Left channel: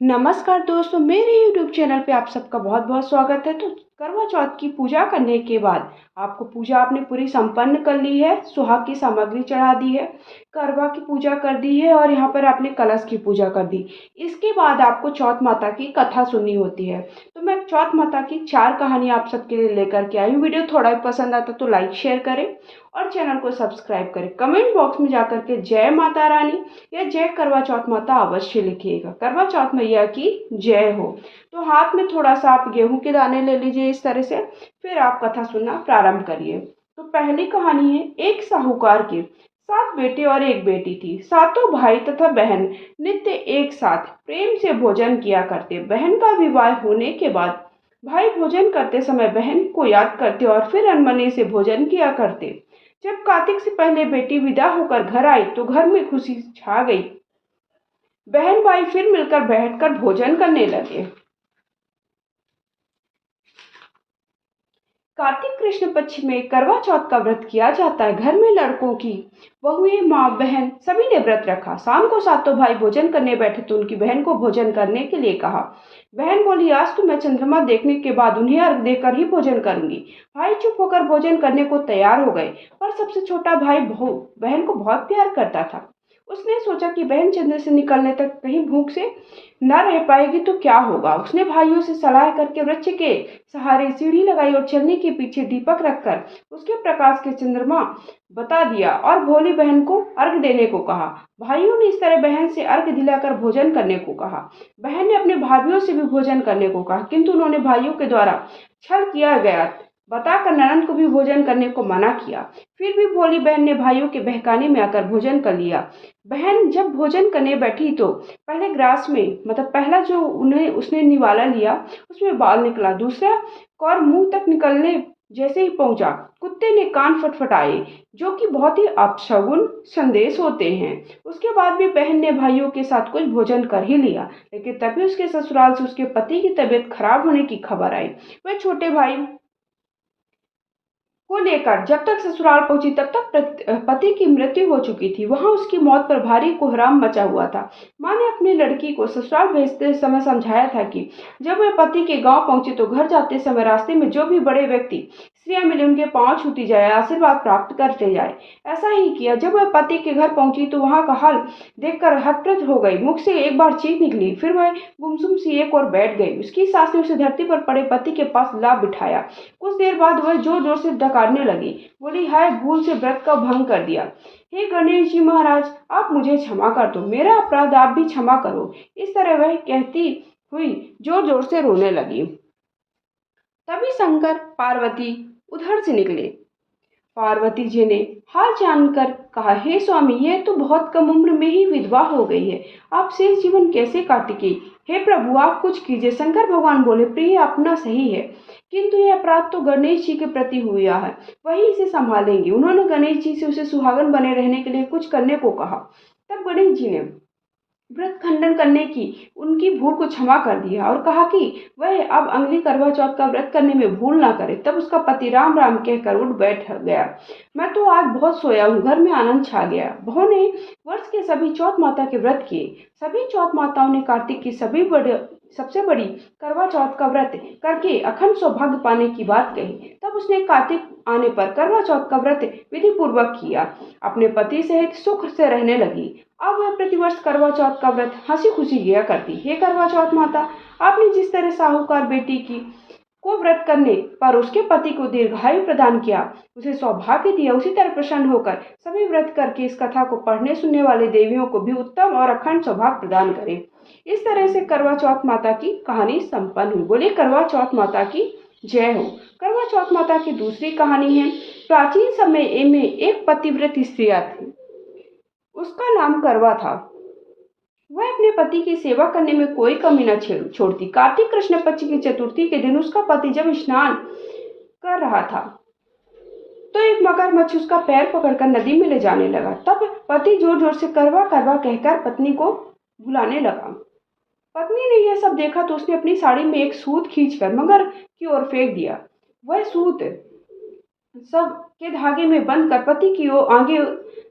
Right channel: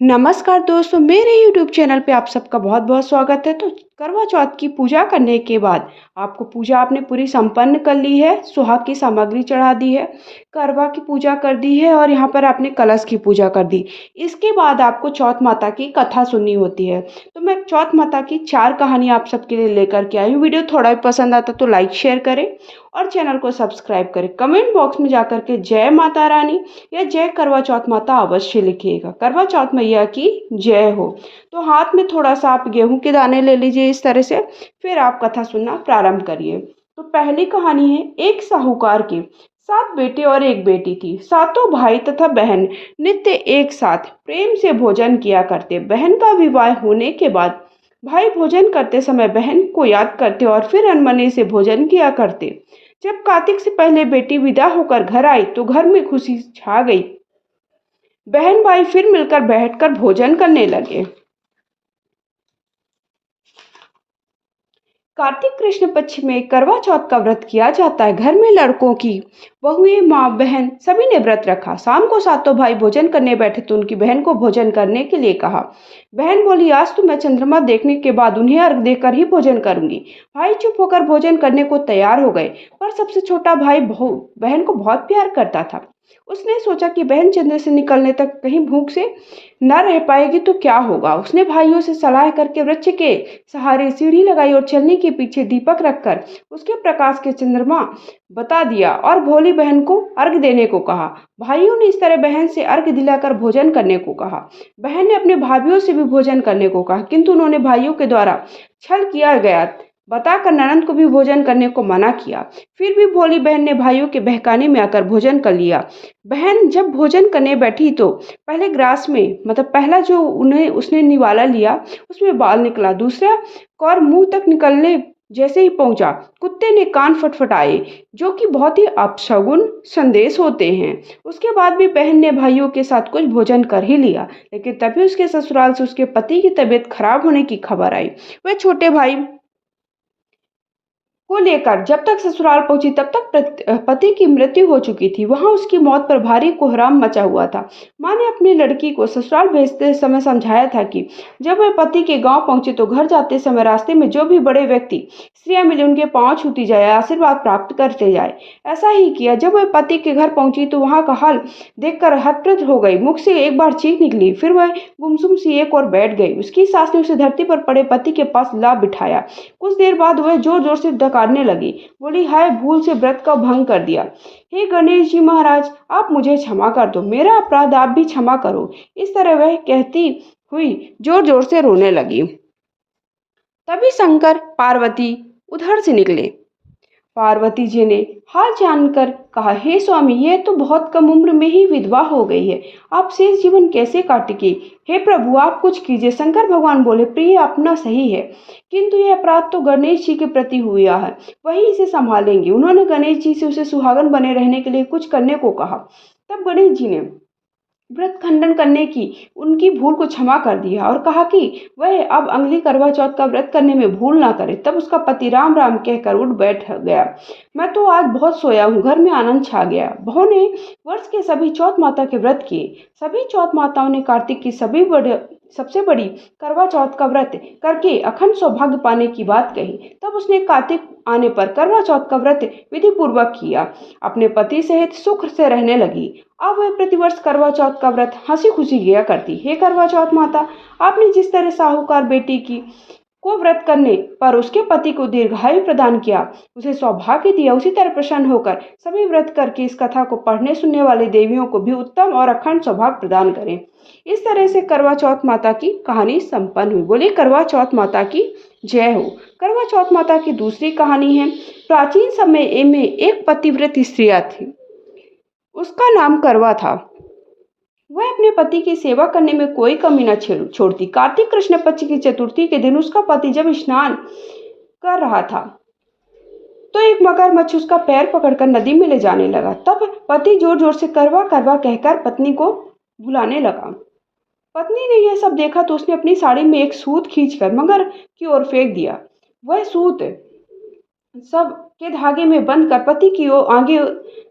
नमस्कार दोस्तों, मेरे YouTube चैनल पे आप सबका बहुत-बहुत स्वागत है। तो करवा चौथ की पूजा करने के बाद आपको पूजा आपने पूरी संपन्न कर ली है, सुहाग की सामग्री चढ़ा दी है, करवा की पूजा कर दी है और यहाँ पर आपने कलश की पूजा कर दी। इसके बाद आपको चौथ माता की कथा सुननी होती है। तो मैं चौथ माता की 4 कहानी आप सबके लिए लेकर के आई हूँ। वीडियो थोड़ा भी पसंद आता तो लाइक शेयर करें और चैनल को सब्सक्राइब करें। कमेंट बॉक्स में जाकर के जय माता रानी या जय करवा चौथ माता अवश्य लिखिएगा। करवा चौथ मैया की जय हो। तो हाथ में थोड़ा सा आप गेहूं के दाने ले लीजिए इस तरह से, फिर आप कथा सुनना प्रारंभ करिए। तो पहली कहानी है, एक साहूकार की 7 बेटे और एक बेटी थी। सातों भाई तथा बहन नित्य एक साथ प्रेम से भोजन किया करते। बहन का विवाह होने के बाद भाई भोजन करते समय बहन को याद करते और फिर अनमने से भोजन किया करते। जब कार्तिक से पहले बेटी विदा होकर घर आई तो घर में खुशी छा गई। बहन भाई फिर मिलकर बैठकर भोजन करने लगे। कार्तिक कृष्ण पक्ष में करवा चौथ का व्रत किया जाता है। घर में लड़कों की बहुएं, माँ बहन सभी ने व्रत रखा। शाम को सातों भाई भोजन करने बैठे तो उनकी बहन को भोजन करने के लिए कहा। बहन बोली, आज तो मैं चंद्रमा देखने के बाद उन्हें अर्घ देकर ही भोजन करूंगी। भाई चुप होकर भोजन करने को तैयार हो गए, पर सबसे छोटा भाई बहन को बहुत प्यार करता था। उसने सोचा कि बहन चंद्र से निकलने तक कहीं भूख से न रह पाएगी तो क्या होगा। उसने भाइयों से सलाह करके वृक्ष के सहारे सीढ़ी लगाई और चलनी के पीछे दीपक रखकर उसके प्रकाश के चंद्रमा बता दिया और भोली बहन को अर्घ देने को कहा। भाइयों ने इस तरह बहन से अर्घ दिलाकर भोजन करने को कहा। बहन ने अपने भाइयों से भी भोजन करने को कहा, किंतु उन्होंने भाइयों के द्वारा छल किया गया बताकर ननद को भी भोजन करने को मना किया। फिर भी भोली बहन ने भाइयों के बहकाने में आकर भोजन कर लिया। बहन जब भोजन करने बैठी तो पहले ग्रास में पहला जो उन्हें उसने निवाला लिया उसमें बाल निकला। दूसरा कौर मुंह तक निकलने जैसे ही पहुंचा, कुत्ते ने कान फटफटाए, जो कि बहुत ही अपशगुन संदेश होते हैं। उसके बाद भी बहन ने भाइयों के साथ कुछ भोजन कर ही लिया, लेकिन तभी उसके ससुराल से उसके पति की तबीयत खराब होने की खबर आई। वह छोटे भाई को लेकर जब तक ससुराल पहुंची तब तक पति की मृत्यु हो चुकी थी। वहां उसकी मौत पर भारी कोहराम मचा हुआ था। मां ने अपनी लड़की को ससुराल भेजते समय समझाया था कि जब वह पति के गांव पहुंचे तो घर जाते समय रास्ते में जो भी बड़े व्यक्ति स्त्रियां मिले उनके पांव छूती जाए, आशीर्वाद प्राप्त करते जाए। ऐसा ही किया। जब वह पति के घर पहुंची तो वहां का हाल देखकर हतप्रभ हो गई। मुख से एक बार चीख निकली, फिर वह गुमसुम सी एक और बैठ गई। उसकी सास ने उसे धरती पर पड़े पति के पास ला बिठाया। कुछ देर बाद वह जोर जोर से डकारने लगी। बोली, हाय, भूल से व्रत का भंग कर दिया। हे गणेश जी महाराज, आप मुझे क्षमा कर दो, मेरा अपराध आप भी क्षमा करो। इस तरह वह कहती हुई जोर जोर से रोने लगी। तभी शंकर पार्वती उधर से निकले। पार्वती जी ने हाल जानकर कहा, हे स्वामी, यह तो बहुत कम उम्र में ही विधवा हो गई है, आप शेष जीवन कैसे काटेंगे? हे प्रभु, आप कुछ कीजिए। शंकर भगवान बोले, प्रिय, अपना सही है, किंतु यह अपराध तो गणेश जी के प्रति हुआ है, वही इसे संभालेंगे। उन्होंने गणेश जी से उसे सुहागन बने रहने के लिए कुछ करने को कहा। तब गणेश जी ने व्रत खंडन करने की उनकी भूल को क्षमा कर दिया और कहा कि वह अब अगली करवा चौथ का व्रत करने में भूल ना करे। तब उसका पति राम राम कहकर उठ बैठ गया। मैं तो आज बहुत सोया हूँ, घर में आनंद छा गया। बहू ने वर्ष के सभी चौथ माता के व्रत किए। सभी चौथ माताओं ने कार्तिक की सबसे बड़ी करवा चौथ का व्रत करके अखंड सौभाग्य पाने की बात कही। तब उसने कार्तिक आने पर करवा चौथ का व्रत विधि पूर्वक किया, अपने पति सहित सुख से रहने लगी। अब वह प्रतिवर्ष करवा चौथ का व्रत हंसी खुशी किया करती। हे करवा चौथ माता, आपने जिस तरह साहूकार बेटी की को व्रत करने पर उसके पति को दीर्घायु प्रदान किया, उसे सौभाग्य दिया, उसी तरह प्रसन्न होकर सभी व्रत करके इस कथा को पढ़ने सुनने वाले देवियों को भी उत्तम और अखंड सौभाग्य प्रदान करें। इस तरह से करवा चौथ माता की कहानी संपन्न हुई। बोले करवा चौथ माता की जय हो। करवा चौथ माता की दूसरी कहानी है, प्राचीन समय में एक पतिव्रत स्त्रियां थी, उसका नाम करवा था। वह अपने पति की सेवा करने में कोई कमी न छोड़ती। कार्तिक कृष्ण पक्ष की चतुर्थी के दिन उसका पति जब स्नान कर रहा था तो एक मगरमच्छ उसका पैर पकड़कर नदी में ले जाने लगा। तब पति जोर जोर से करवा करवा कहकर पत्नी को बुलाने लगा। पत्नी ने यह सब देखा तो उसने अपनी साड़ी में एक सूत खींचकर मगर की ओर फेंक दिया। वह सूत सब के धागे में बंद कर पति की ओर आगे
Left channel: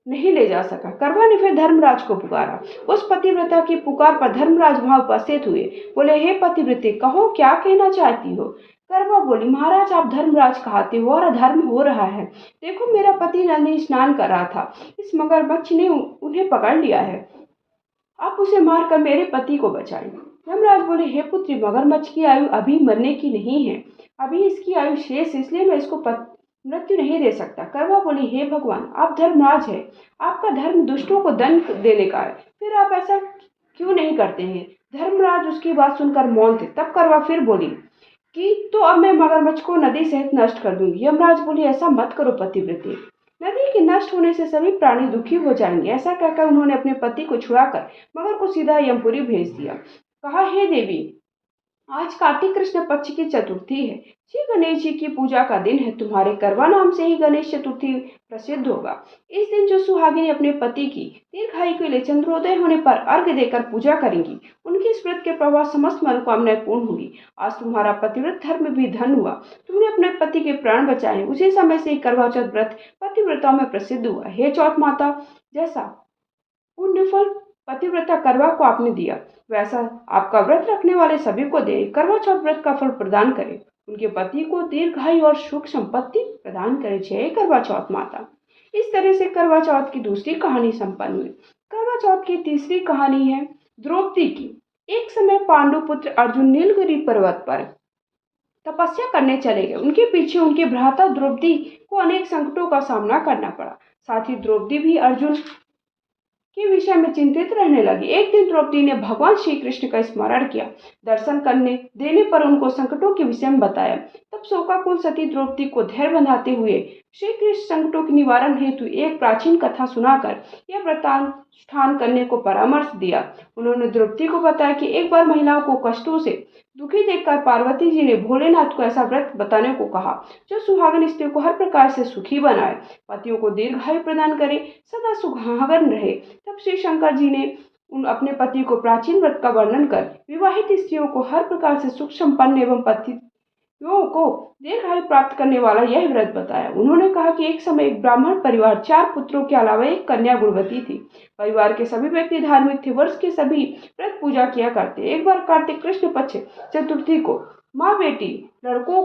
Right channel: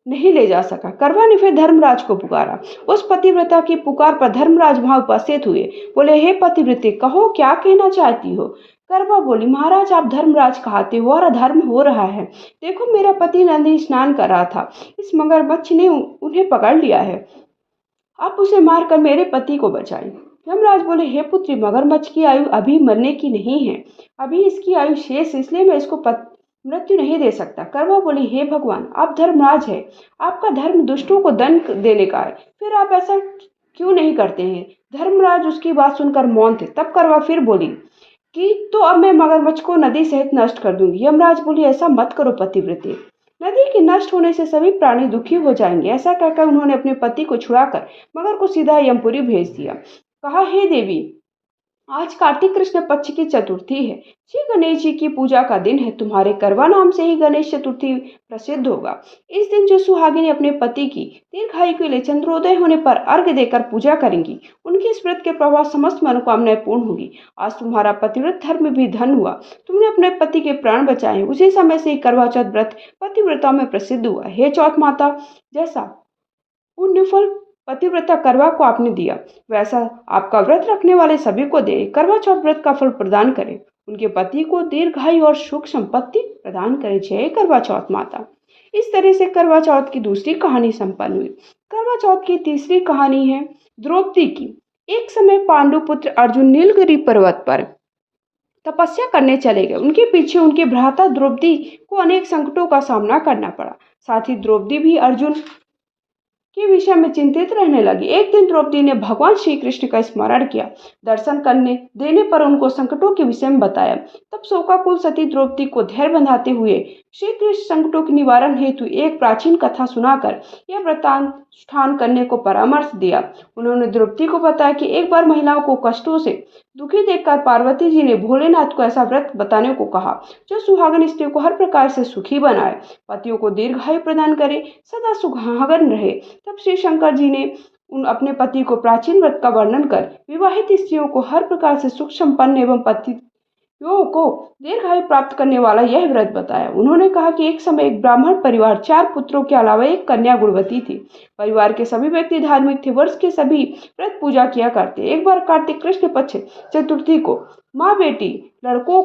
नहीं ले जा सका। करवा ने फिर धर्मराज को पुकारा। उस पतिव्रता की पुकार पर धर्मराज वहां उपस्थित हुए। बोले, हे पतिव्रते, कहो क्या कहना चाहती हो। करवा बोली, महाराज आप धर्मराज कहते हो और अधर्म हो रहा है। देखो मेरा पति नदी स्नान कर रहा था, इस मगरमच्छ ने उन्हें पकड़ लिया है। आप उसे मारकर मेरे पति को बचाएं। यमराज बोले, हे पुत्री, मगरमच्छ की आयु अभी मरने की नहीं है, अभी इसकी आयु शेष, इसलिए मैं इसको मृत्यु नहीं दे सकता। करवा बोली, हे भगवान, आप धर्मराज है, आपका धर्म दुष्टों को दंड देने का है, फिर आप ऐसा क्यों नहीं करते हैं। धर्मराज उसकी बात सुनकर मौन थे। तब करवा फिर बोली कि तो अब मैं मगरमच्छ को नदी सहित नष्ट कर दूंगी। यमराज बोली, ऐसा मत करो पतिव्रते, नदी के नष्ट होने से सभी प्राणी दुखी हो जाएंगे। ऐसा कहकर उन्होंने अपने पति को छुड़ाकर मगर को सीधा यमपुरी भेज दिया। कहा, हे देवी, आज कार्तिक कृष्ण पक्ष की चतुर्थी है, श्री गणेश जी की पूजा का दिन है। तुम्हारे करवा नाम से ही गणेश चतुर्थी प्रसिद्ध होगा। इस दिन जो सुहागिनी अपने पति की दीर्घायु के लिए चंद्रोदय होने पर अर्घ्य देकर पूजा करेंगी, उनकी इस व्रत के प्रभाव समस्त मनोकामनाएं पूर्ण होगी। आज तुम्हारा पतिव्रत धर्म भी धन हुआ, तुमने अपने पति के प्राण बचाए। उसी समय से ही करवा चौथ व्रत पतिव्रताओं में प्रसिद्ध हुआ। हे चौथ माता, जैसा पुण्य फल पतिव्रता करवा को आपने दिया, वैसा आपका व्रत रखने वाले सभी को दे। करवा चौथ व्रत का फल प्रदान करे, उनके पति को दीर्घायु और सुख संपत्ति प्रदान करे। जय करवा चौथ माता। इस तरह से करवा चौथ की दूसरी कहानी संपन्न हुई। करवा चौथ की तीसरी कहानी है द्रौपदी की। एक समय पांडु पुत्र अर्जुन नीलगिरी पर्वत पर तपस्या करने चले गए। उनके पीछे उनकी भ्राता द्रौपदी को अनेक संकटों का सामना करना पड़ा। साथ ही द्रौपदी भी अर्जुन के विषय में चिंतित रहने लगी। एक दिन द्रौपदी ने भगवान श्री कृष्ण का स्मरण किया। दर्शन करने देने पर उनको संकटों के विषय में बताया। तब शोकाकुल सती द्रौपदी को धैर्य बंधाते हुए श्री कृष्ण संकटों के निवारण हेतु एक प्राचीन कथा सुनाकर यह व्रतानुष्ठान करने को परामर्श दिया। उन्होंने द्रौपदी को बताया कि एक बार महिलाओं को कष्टों से दुखी देखकर पार्वती जी ने भोलेनाथ को ऐसा व्रत बताने को कहा जो सुहागन स्त्री को हर प्रकार से सुखी बनाए, पतियों को दीर्घायु प्रदान करे, सदा सुहागन रहे। तब श्री शंकर जी ने अपने पति को प्राचीन व्रत का वर्णन कर विवाहित स्त्रियों को हर प्रकार से सुख संपन्न एवं पतियों को दीर्घायु प्राप्त करने वाला यह व्रत बताया। उन्होंने कहा कि एक समय एक ब्राह्मण परिवार 4 पुत्रों के अलावा एक कन्या गुणवती थी। परिवार के सभी व्यक्ति धार्मिक थे। वर्ष के सभी व्रत पूजा किया करते। एक बार कार्तिक कृष्ण पक्ष चतुर्थी को माँ बेटी लड़कों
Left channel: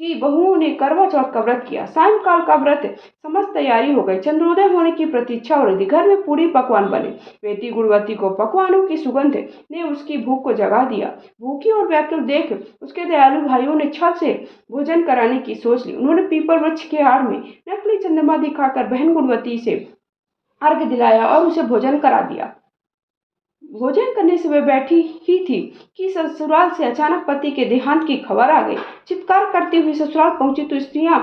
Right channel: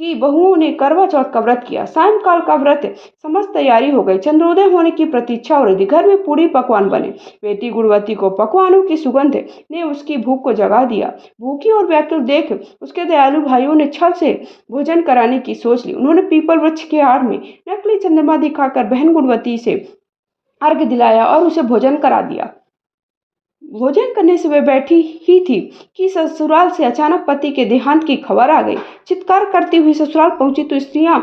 की बहुओं ने करवा चौथ का व्रत किया। सायंकाल का व्रत समस्त तैयारी हो गई। चंद्रोदय होने की प्रतीक्षा हो रही थी। घर में पूरी पकवान बने। बेटी गुणवती को पकवानों की सुगंध ने उसकी भूख को जगा दिया। भूखी और व्याकुल देख उसके दयालु भाइयों ने छल से भोजन कराने की सोच ली। उन्होंने पीपल वृक्ष के आड़ में नकली चंद्रमा दिखाकर बहन गुणवती से अर्घ्य दिलाया और उसे भोजन करा दिया। भोजन करने से वह बैठी ही थी कि ससुराल से अचानक पति के देहांत की खबर आ गई। चित्कार करती हुई ससुराल पहुंची तो स्त्रियां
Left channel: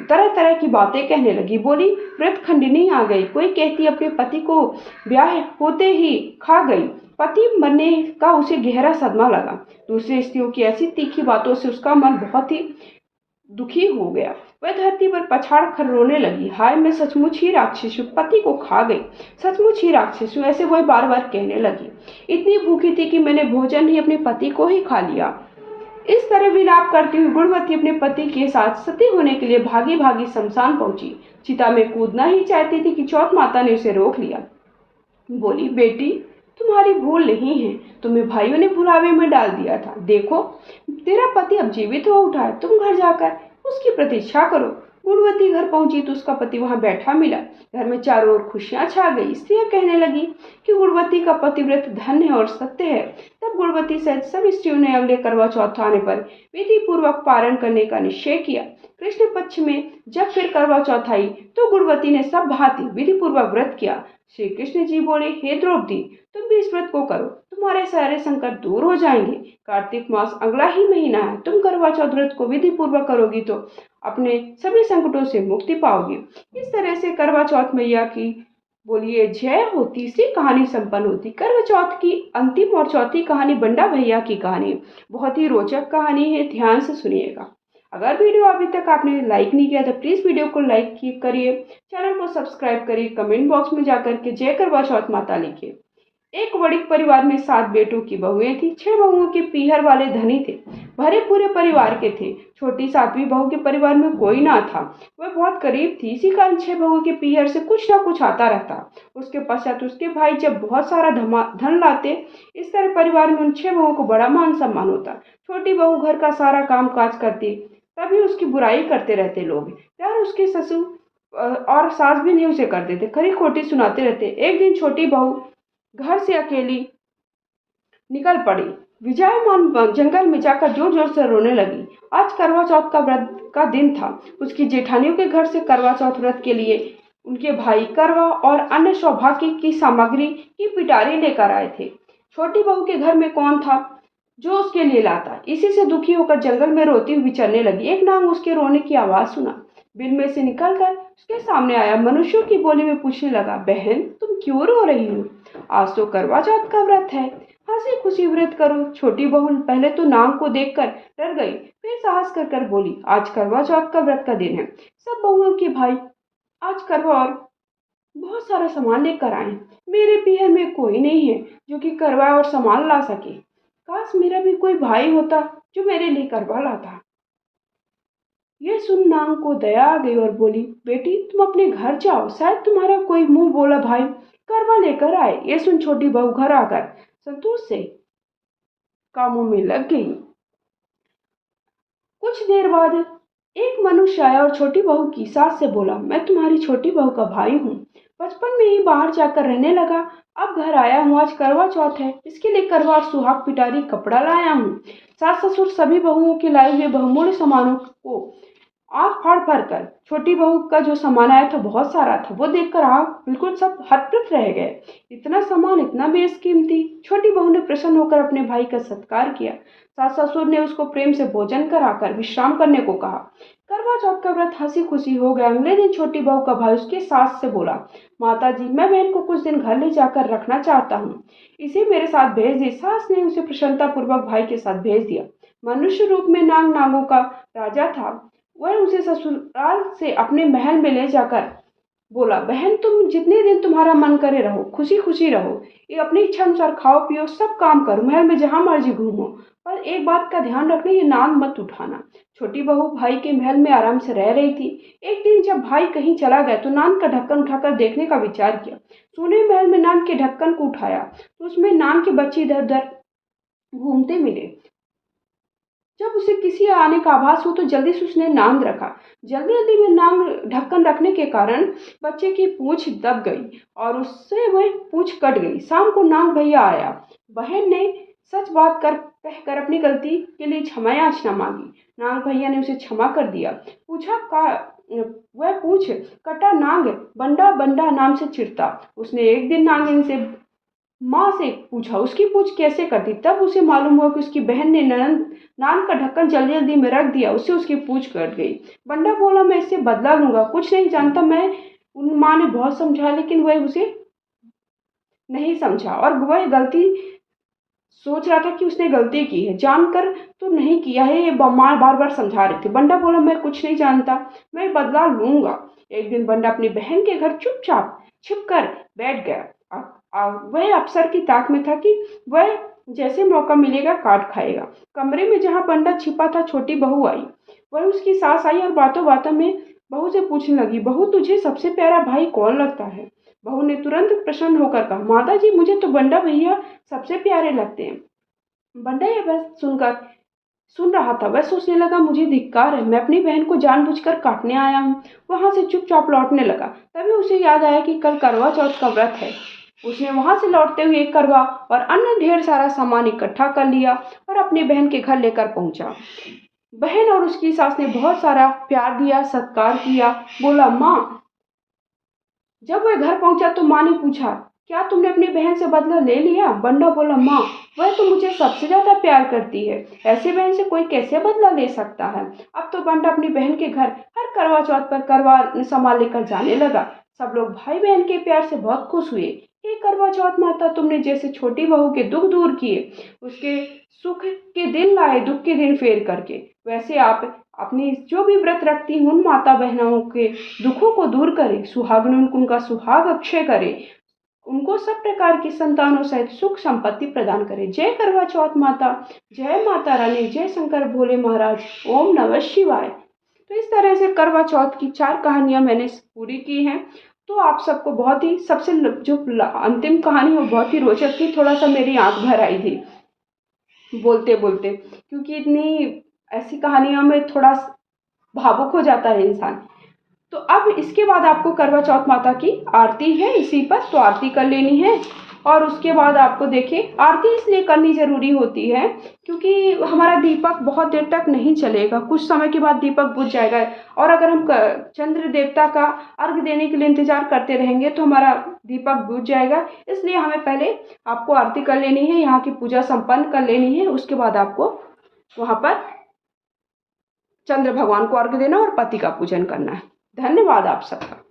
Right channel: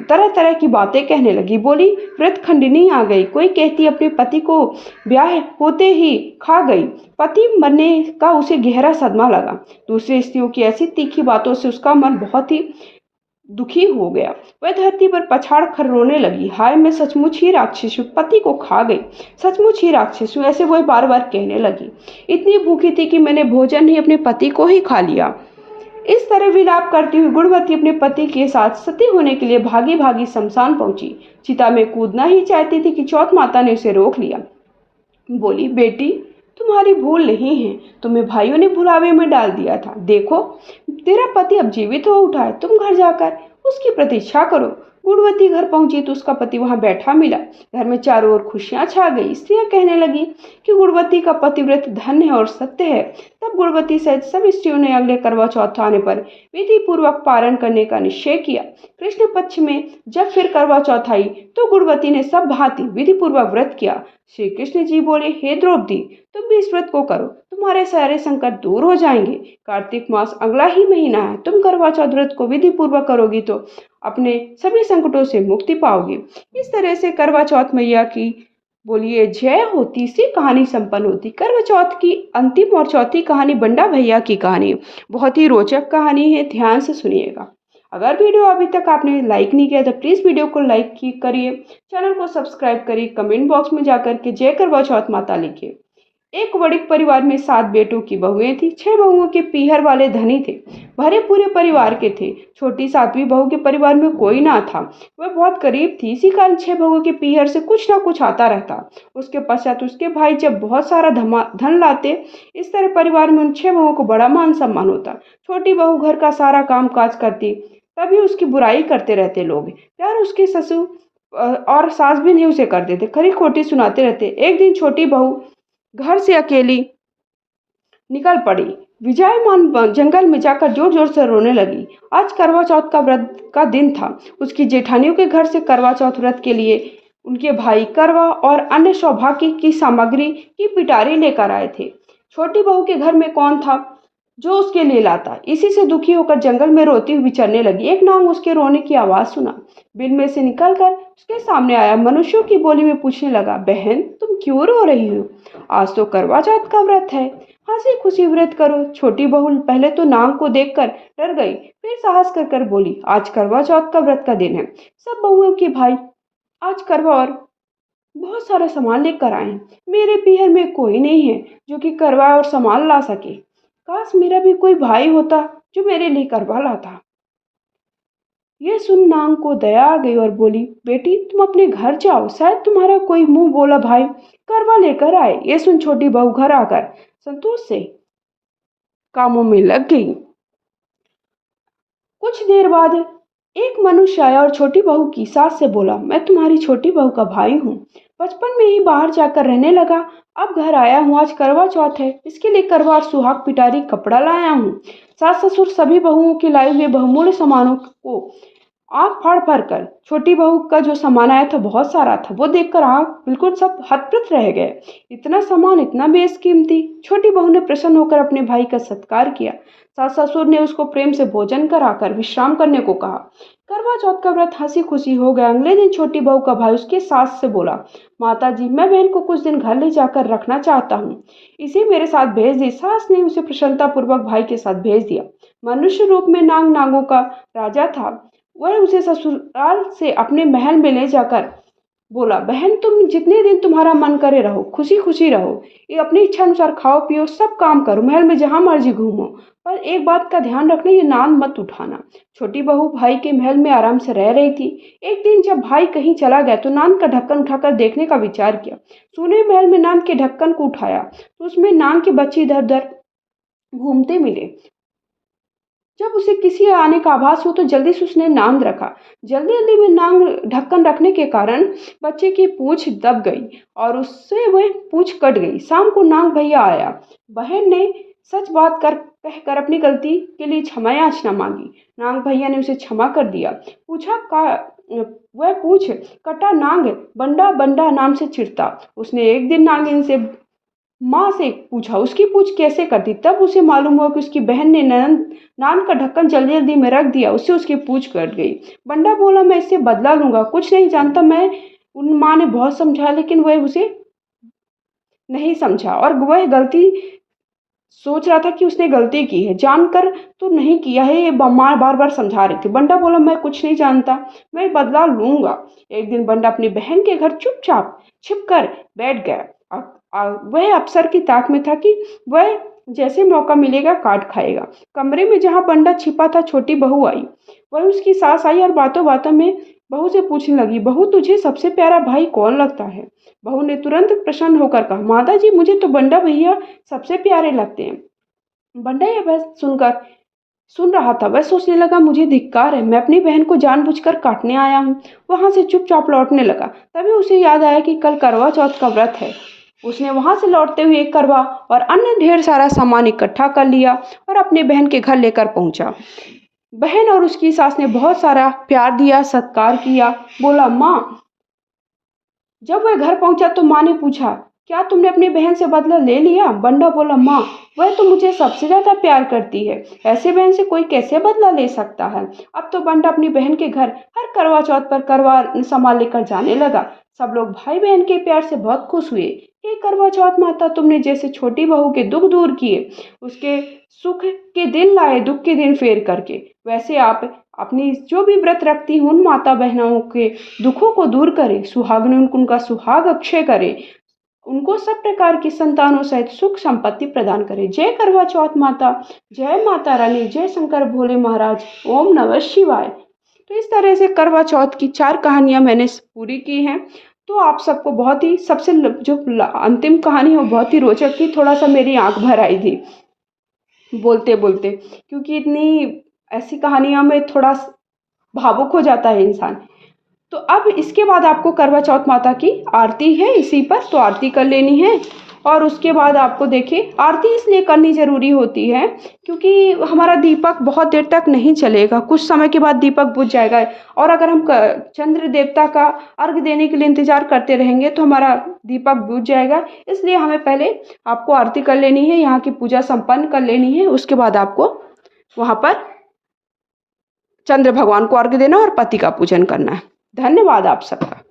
तरह तरह की बातें कहने लगी। बोली, व्रत खंडिनी आ गई, कोई कहती अपने पति को ब्याह होते ही खा गई, पति मरने का उसे गहरा सदमा लगा। दूसरी स्त्रियों की ऐसी तीखी बातों से उसका मन बहुत ही दुखी हो गया। वह धरती पर पछाड़ कर रोने लगी। हाय, मैं सचमुच ही राक्षस हूँ, पति को खा गई, सचमुच ही राक्षस हूँ, ऐसे वह बार बार कहने लगी। इतनी भूखी थी कि मैंने भोजन ही अपने पति को ही खा लिया। इस तरह विलाप करती हुई गुणवती अपने पति के साथ सती होने के लिए भागी भागी शमशान पहुंची। चिता में कूदना ही चाहती थी कि चौथ माता ने उसे रोक लिया। बोली, बेटी तुम्हारी भूल नहीं है, तुम्हें भाइयों ने भुलावे में डाल दिया था। देखो तेरा पति अब जीवित हो उठा है, तुम घर जाकर उसकी प्रतीक्षा करो। गुणवती घर पहुंची तो उसका पति वहां बैठा मिला। घर में चारों ओर खुशियां छा गई। स्त्रियां कहने लगी कि गुणवती का पतिव्रत धन्य है और सत्य है। तब गुणवती सहित सभी स्त्रियों ने अगले करवा चौथ आने पर विधि पूर्वक पारण करने का निश्चय किया। कृष्ण पक्ष में जब फिर करवा चौथ आई तो गुणवती ने सब भांति विधि पूर्वक व्रत किया। श्री कृष्ण जी बोले, हे द्रौपदी, तुम भी इस व्रत को करो, तुम्हारे सारे संकट दूर हो जाएंगे। कार्तिक मास अगला ही महीना है, तुम करवा चौथ व्रत को विधि पूर्वक करोगी तो अपने सभी संकटों से मुक्ति पाओगे। इस तरह से करवा चौथ मैया की बोलिए जय हो। तीसरी कहानी संपन्न होती। करवा चौथ की अंतिम और चौथी कहानी बंडा भैया की कहानी बहुत ही रोचक कहानी है, ध्यान से सुनिएगा। अगर वीडियो अभी तक आपने लाइक नहीं किया तो प्लीज़ वीडियो को लाइक करिए, चैनल को सब्सक्राइब करिए, कमेंट बॉक्स में जाकर के जय करवा चौथ माता लिखिए। एक बड़े परिवार में 7 बेटों की बहुएं थी। 6 बहुओं के पीहर वाले धनी थे, भरे पूरे परिवार के थे। छोटी 7वीं बहू के परिवार में कोई ना था, वह बहुत गरीब थी। इसी कारण 6 बहुओं के पीहर से कुछ ना कुछ आता रहता। उसके पश्चात उसके भाई जब बहुत सारा धन लाते। इस तरह परिवार में उन 6 बहुओं को बड़ा मान सम्मान होता। छोटी बहू घर का सारा काम काज करती, तभी उसकी बुराई करते रहते लोग। प्यार उसके ससुर और सास भी नहीं उसे करते थे, खरी खोटी सुनाते रहते। एक दिन छोटी बहू घर से अकेली निकल पड़ी। विजयमान जंगल में जाकर जोर जोर से रोने लगी। आज करवा चौथ का व्रत का दिन था। उसकी जेठानियों के घर से करवा चौथ व्रत के लिए उनके भाई करवा और अन्य सौभाग्य की सामग्री की पिटारी लेकर आए थे। छोटी बहू के घर में कौन था जो उसके लिए लाता। इसी से दुखी होकर जंगल में रोती हुई चलने लगी। एक नाग उसके रोने की आवाज सुना, बिल में से निकलकर उसके सामने आया। मनुष्यों की बोली में पूछने लगा, बहन तुम क्यों रो रही हो? आज तो करवा चौथ का व्रत है, हंसी खुशी व्रत करो। छोटी बहू पहले तो नाग को देखकर डर गई, फिर साहस कर कर बोली, आज करवा चौथ का व्रत का दिन है। सब बहुओं के भाई आज करवा और बहुत सारा सामान लेकर आए हैं। मेरे पीहर में कोई नहीं है जो कि करवा और सामान ला सके। काश मेरा भी कोई भाई होता जो मेरे लिए करवा लाता। यह सुन नाग को दया आ गई और बोली, बेटी तुम अपने घर जाओ, शायद तुम्हारा कोई मुंह बोला भाई करवा लेकर आए। यह सुन छोटी बहू घर आकर संतोष से कामों में लग गई। कुछ देर बाद एक मनुष्य आया और छोटी बहू की सास से बोला, मैं तुम्हारी छोटी बहू का भाई हूँ, बचपन में ही बाहर जाकर रहने लगा, अब घर आया हूँ। आज करवा चौथ है, इसके लिए करवा और सुहाग पिटारी कपड़ा लाया हूँ। सास ससुर सभी बहुओं के लाए हुए बहुमूल्य सामानों को आंख फाड़ फाड़ कर, छोटी बहू का जो सामान आया था बहुत सारा था, वो देखकर आंख बिल्कुल सब हतप्रत रह गए। इतना सामान, इतना बेशकीमती। छोटी बहू ने प्रसन्न होकर अपने भाई का सत्कार किया। सास ससुर ने उसको प्रेम से भोजन कराकर विश्राम करने को कहा। करवा चौथ का व्रत हंसी खुशी हो गया। अगले दिन छोटी बहू का भाई उसके सास से बोला, माता जी मैं बहन को कुछ दिन घर ले जाकर रखना चाहता हूँ, इसे मेरे साथ भेज दी। सास ने उसे प्रसन्नता पूर्वक भाई के साथ भेज दिया। मनुष्य रूप में नाग नागों का राजा था। वह उसे ससुराल से अपने महल में ले जाकर बोला, बहन तुम जितने दिन तुम्हारा मन करे रहो, खुशी खुशी रहो, ये अपनी इच्छा अनुसार खाओ पियो, सब काम करो, महल में जहां मर्जी घूमो, पर एक बात का ध्यान रखना, ये नान मत उठाना। छोटी बहू भाई के महल में आराम से रह रही थी। एक दिन जब भाई कहीं चला गया तो नान का ढक्कन उठाकर देखने का विचार किया। सोने महल में नान के ढक्कन को उठाया तो उसमें नान के बच्चे इधर उधर घूमते मिले। जब उसे किसी आने का आभास हो तो जल्दी से उसने नांद रखा। जल्दी जल्दी में नांग ढक्कन रखने के कारण बच्चे की पूंछ दब गई और उससे वह पूंछ कट गई। शाम को नांग भैया आया। बहन ने सच बात कर कहकर अपनी गलती के लिए क्षमा याचना मांगी। नांग भैया ने उसे क्षमा कर दिया। पूछा का वह पूछ कटा नांग बंडा बंडा नाम से चिढ़ता। उसने एक दिन नागिन से माँ से पूछा उसकी पूछ कैसे करती, तब उसे मालूम हुआ कि उसकी बहन ने ननद नान का ढक्कन जल्दी जल्दी में रख दिया, उससे उसकी पूछ कट गई। बंडा बोला, मैं इससे बदला लूंगा, कुछ नहीं जानता मैं। उन माँ ने बहुत समझाया लेकिन वह उसे नहीं समझा और वह गलती सोच रहा था कि उसने गलती की है, जानकर तो नहीं किया है, ये माँ बार बार समझा रही थी। बंडा बोला, मैं कुछ नहीं जानता, मैं बदला लूंगा। एक दिन बंडा अपनी बहन के घर चुपचाप छिप कर बैठ गया। वह अफसर की ताक में था कि वह जैसे मौका मिलेगा काट खाएगा। कमरे में जहां बंडा छिपा था छोटी बहू आई। वह उसकी सास आई और बातों बातों में बहू से पूछने लगी, बहू तुझे सबसे प्यारा भाई कौन लगता है? बहू ने तुरंत प्रसन्न होकर कहा, माता जी मुझे तो बंडा भैया सबसे प्यारे लगते हैं। बंडा यह बात सुन रहा था। वह सोचने लगा, मुझे धिक्कार है, मैं अपनी बहन को जानबूझकर काटने आया हूँ। वहां से चुपचाप लौटने लगा। तभी उसे याद आया कि कल करवा चौथ का व्रत है। उसने वहां से लौटते हुए एक करवा और अन्य ढेर सारा सामान इकट्ठा कर लिया और अपनी बहन के घर लेकर पहुंचा। बहन और उसकी सास ने बहुत सारा प्यार दिया, सत्कार किया। बोला, माँ। जब वह घर पहुंचा तो माँ ने पूछा, क्या तुमने अपनी बहन से बदला ले लिया? बंडा बोला, माँ वह तो मुझे सबसे ज्यादा प्यार करती है, ऐसे बहन से कोई कैसे बदला ले सकता है। अब तो बंडा अपनी बहन के घर हर करवा चौथ पर करवा सामान लेकर जाने लगा। सब लोग भाई बहन के प्यार से बहुत खुश हुए। हे करवा चौथ माता, तुमने जैसे छोटी बहू के दुख दूर किए, उसके सुख के दिन लाए दुख के दिन फेर करके, वैसे आप अपनी जो भी व्रत रखती हूँ उन माता बहनों के दुखों को दूर करें, सुहागन उनका सुहाग अक्षय करें, उनको सब प्रकार की संतानों सहित सुख संपत्ति प्रदान करे। जय करवा चौथ माता, जय माता रानी, जय शंकर भोले महाराज, ओम नमः शिवाय। तो इस तरह से करवा चौथ की 4 कहानियाँ मैंने पूरी की हैं। तो आप सबको बहुत ही सबसे जो अंतिम कहानी है वो बहुत ही रोचक थी, थोड़ा-सा मेरी आँख भर आई थी बोलते-बोलते, क्योंकि इतनी ऐसी कहानियों में थोड़ा भावुक हो जाता है इंसान। तो अब इसके बाद आपको करवा चौथ माता की आरती है इसी पर, तो आरती कर लेनी है। और उसके बाद आपको देखिए आरती इसलिए करनी ज़रूरी होती है क्योंकि हमारा दीपक बहुत देर तक नहीं चलेगा, कुछ समय के बाद दीपक बुझ जाएगा। और अगर हम चंद्र देवता का अर्घ देने के लिए इंतज़ार करते रहेंगे तो हमारा दीपक बुझ जाएगा। इसलिए हमें पहले आपको आरती कर लेनी है, यहाँ की पूजा संपन्न कर लेनी है। उसके बाद आपको वहाँ पर चंद्र भगवान को अर्घ देना और पति का पूजन करना है। धन्यवाद आप सबका।